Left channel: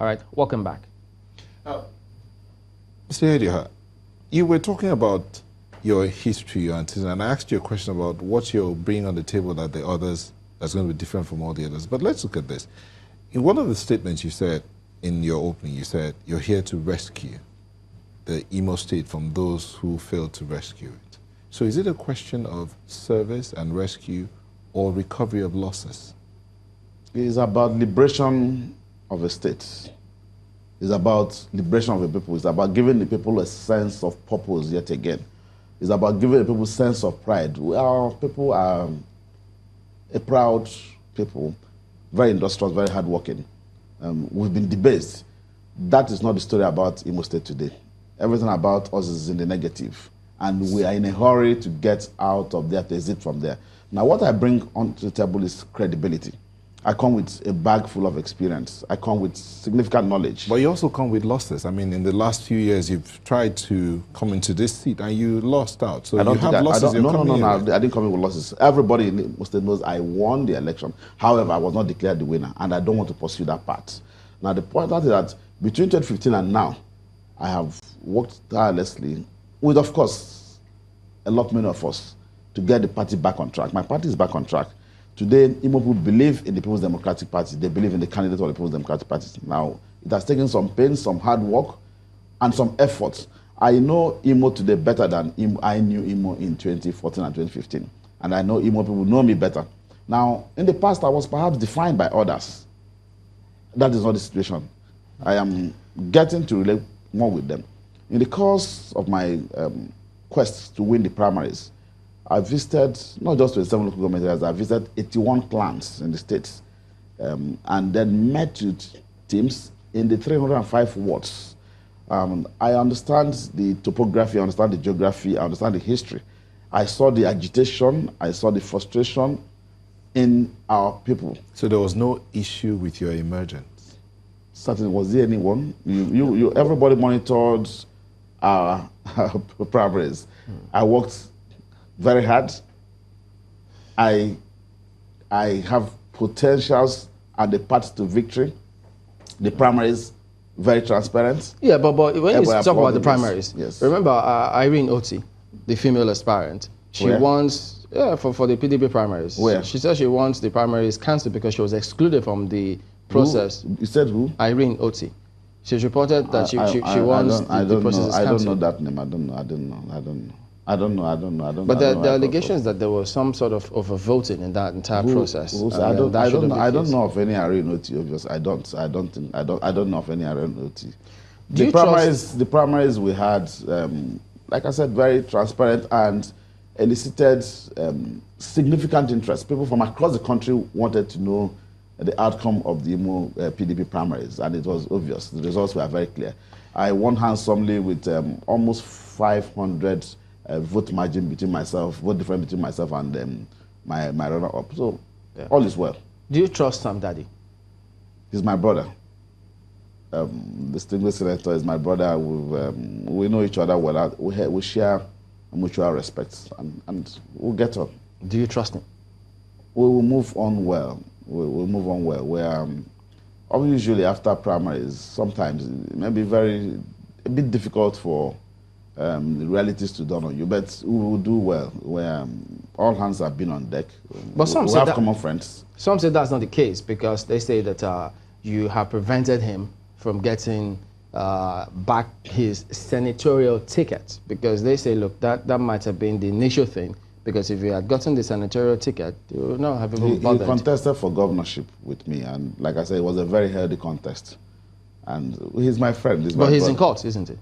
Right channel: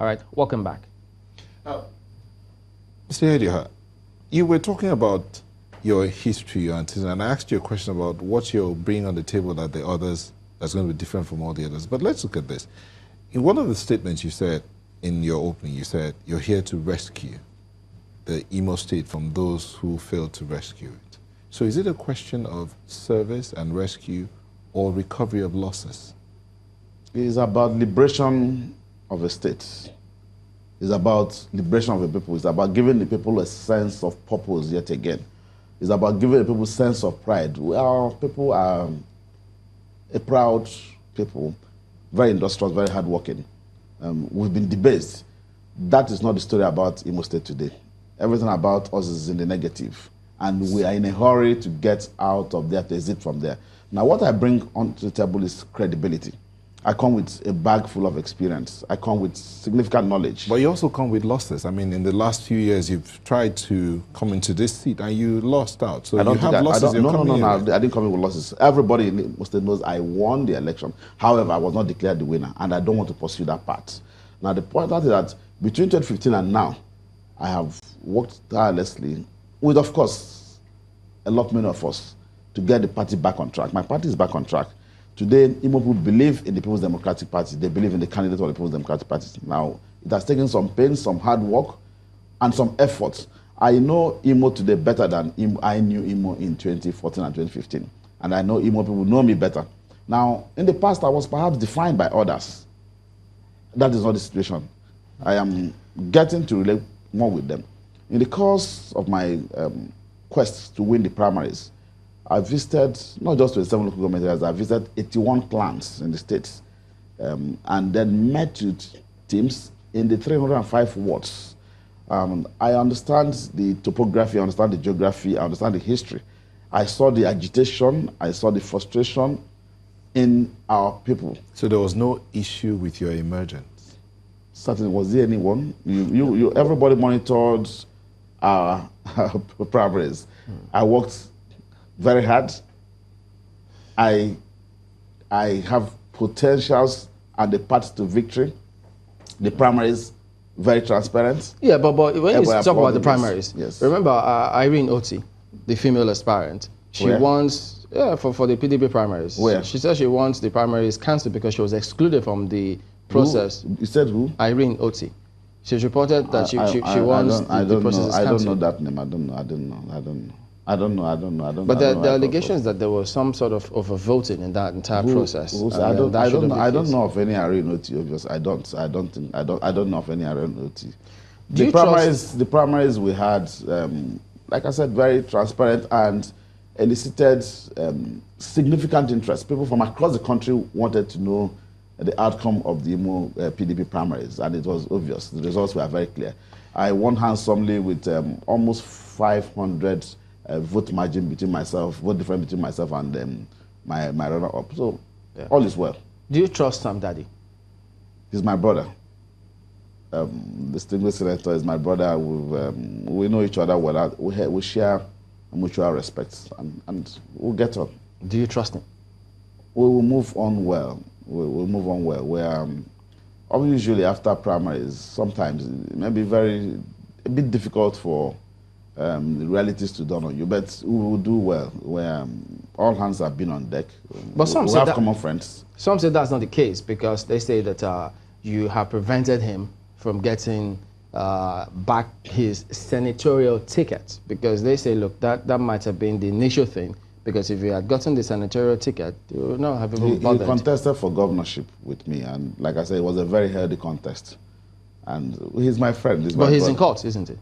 All right, welcome back. Mr. Ihedioha, you were talking about your history, and I asked you a question about what you're bringing on the table that the others that's going to be different from all the others. But let's look at this. In one of the statements you said in your opening, you said you're here to rescue the Imo State from those who failed to rescue it. So is it a question of service and rescue or recovery of losses? It is about liberation of the state. It's about liberation of the people. It's about giving the people a sense of purpose yet again. It's about giving the people a sense of pride. Our people are a proud people, very industrious, very hardworking. We've been debased. That is not the story about Imo State today. Everything about us is in the negative, and we are in a hurry to get out of there, to exit from there. Now, what I bring onto the table is credibility. I come with a bag full of experience. I come with significant knowledge. But you also come with losses. I mean, in the last few years, you've tried to come into this seat and you lost out. So you have losses. No, I didn't come in with losses. Everybody in Imo State knows I won the election. However, I was not declared the winner, and I don't want to pursue that path. Now, the point is that between 2015 and now, I have worked tirelessly with, of course, a lot many of us to get the party back on track. My party is back on track. Today, Imo people believe in the People's Democratic Party. They believe in the candidate of the People's Democratic Party. Now, it has taken some pain, some hard work, and some effort. I know Imo today better than I knew Imo in 2014 and 2015. And I know Imo people know me better. Now, in the past, I was perhaps defined by others. That is not the situation. I am getting to relate more with them. In the course of my quest to win the primaries, I visited not just 27 local government areas, I visited 81 clans in the states, and then met with teams in the 305 wards. I understand the topography, I understand the geography, I understand the history. I saw the agitation, I saw the frustration in our people. So there was no issue with your emergence? Certainly, was there anyone? Everybody monitored our primaries. I worked very hard. I have potentials and the path to victory. The primaries, very transparent. Yeah, but when you talk about the primaries, yes. Remember Irene Oti, the female aspirant. She wants, for the PDP primaries. Where? She said she wants the primaries cancelled because she was excluded from the process. Who? You said who? Irene Oti. She's reported that she wants the process cancelled. I don't know that name. I don't know. But the allegations that there was some sort of voting in that entire process. I don't know of any Irene Oti. Obviously, I don't know of any Irene Oti. The primaries we had, like I said, very transparent and elicited significant interest. People from across the country wanted to know the outcome of the Imo PDP primaries, and it was obvious. The results were very clear. I won handsomely with almost 500 vote margin between myself, vote difference between myself and my runner-up. So all is well. Do you trust Sam Daddy? He's my brother. Distinguished senator is my brother. We know each other well. We share mutual respect, and we'll get on. Do you trust him? We will move on well. We'll move on well. We're usually after primaries, sometimes it may be a bit difficult for the realities to dawn on you, but we will do well. Where all hands have been on deck. But some we say have common friends. Some say that's not the case because they say that you have prevented him from getting back his senatorial ticket, because they say, look, that might have been the initial thing, because if he had gotten the senatorial ticket, you would not have even bothered. He contested for governorship with me, and like I said, it was a very healthy contest. And he's my friend. He's in court, isn't he?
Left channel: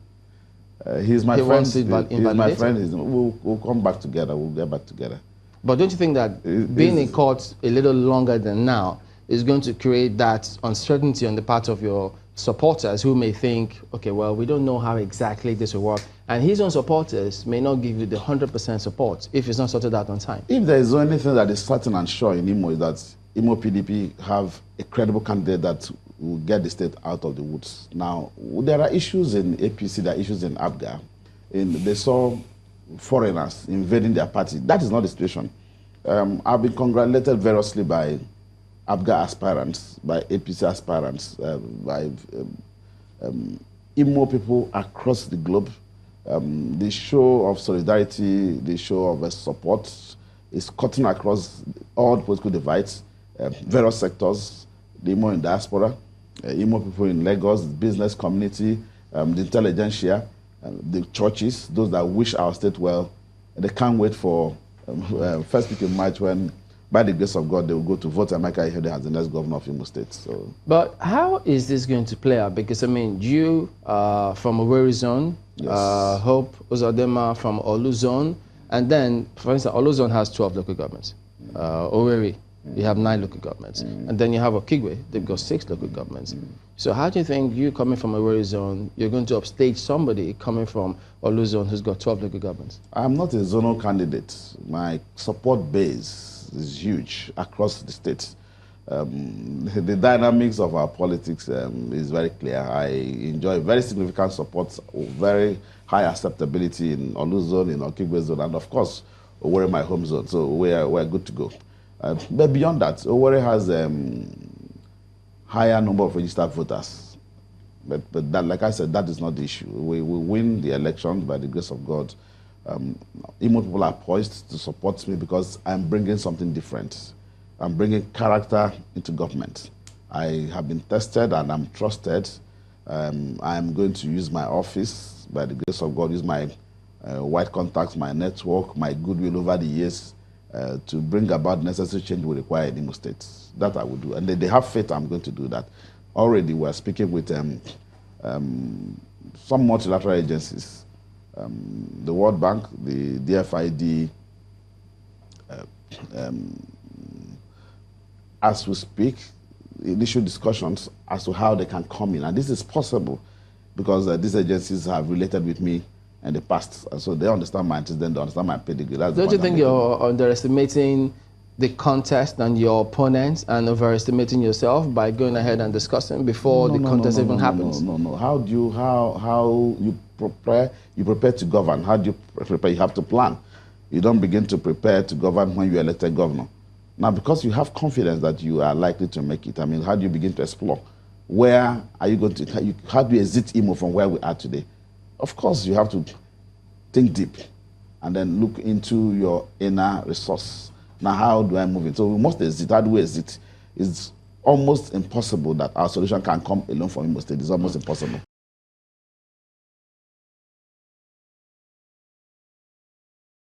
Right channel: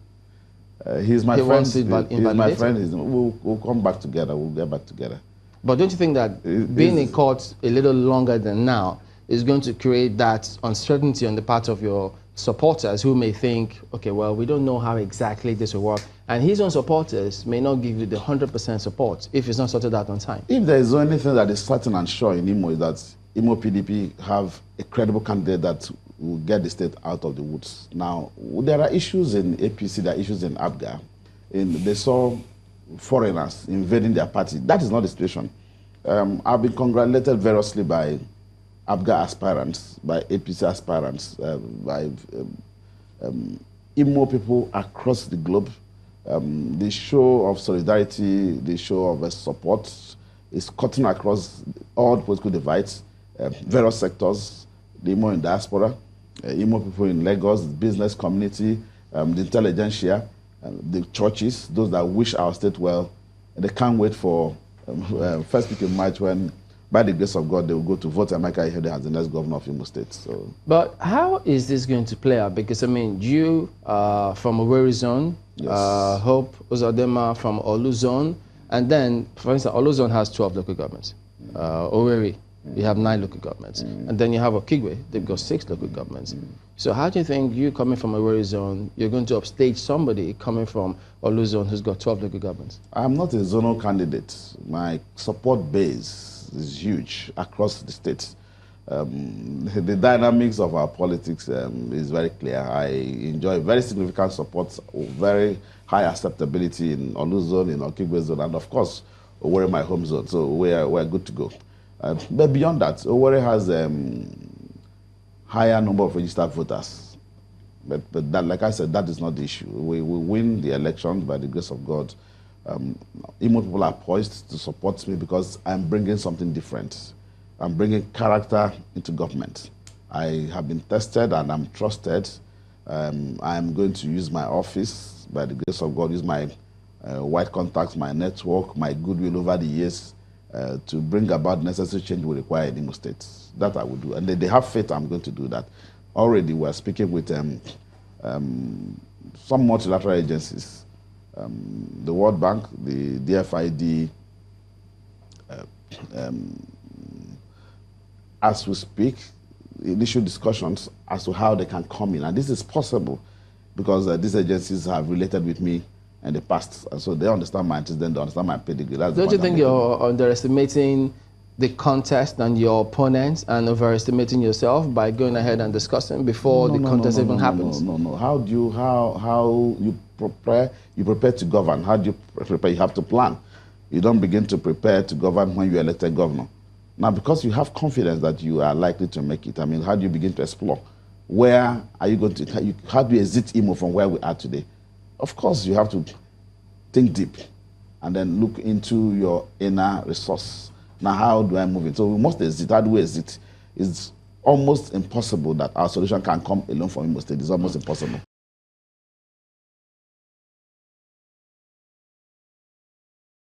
He's my friend. He's my friend. We'll come back together. We'll get back together. But don't you think that being in court a little longer than now is going to create that uncertainty on the part of your supporters who may think, okay, well, we don't know how exactly this will work. And his own supporters may not give you the 100% support if it's not sorted out on time. If there is anything that is certain and sure in Imo, is that Imo PDP have a credible candidate that will get the state out of the woods. Now, there are issues in APC, there are issues in ABGA. They saw foreigners invading their party. That is not the situation. I've been congratulated variously by ABGA aspirants, by APC aspirants, by Imo people across the globe. The show of solidarity, the show of support is cutting across all political divides, various sectors, the Imo in diaspora, Imo people in Lagos, the business community, the intelligentsia, the churches, those that wish our state well. They can't wait for first week in March when, by the grace of God, they will go to vote Emeka Ihedioha as the next governor of Imo State. So, but how is this going to play out? Because I mean, you from Owerri zone, yes. Hope Uzodinma from Olu zone, and then, for instance, Olu zone has 12 local governments. Owerri, you have 9 local governments, and then you have Okigwe, they've got 6 local governments. So how do you think you coming from Owerri zone, you're going to upstage somebody coming from Olu zone who's got 12 local governments? I'm not a zonal candidate. My support base is huge across the states. The dynamics of our politics is very clear. I enjoy very significant support, very high acceptability in Olu zone, in Okigwe zone, and of course, Owerri, my home zone. So we're good to go. But beyond that, Owerri has higher number of registered voters. But that, like I said, that is not the issue. We will win the election by the grace of God. Imo people are poised to support me because I'm bringing something different. I'm bringing character into government. I have been tested and I'm trusted. I'm going to use my office, by the grace of God, use my wide contacts, my network, my goodwill over the years to bring about necessary change we require in Imo State. That I will do. And they have faith I'm going to do that. Already we're speaking with some multilateral agencies, the World Bank, the DFID, as we speak, initial discussions as to how they can come in. And this is possible because these agencies have related with me in the past. So they understand my interest, then they understand my pedigree. Don't you think you're underestimating the contest and your opponents and overestimating yourself by going ahead and discussing before the contest even happens? No. How you prepare? You prepare to govern. How do you prepare? You have to plan. You don't begin to prepare to govern when you're elected governor. Now, because you have confidence that you are likely to make it, I mean, how do you begin to explore? Where are you going to? How do you exit Imo from where we are today? Of course, you have to think deep and then look into your inner resource. Now, how do I move it? So we must exit. How do we exit? It's almost impossible that our solution can come alone from Imo State. It's almost impossible.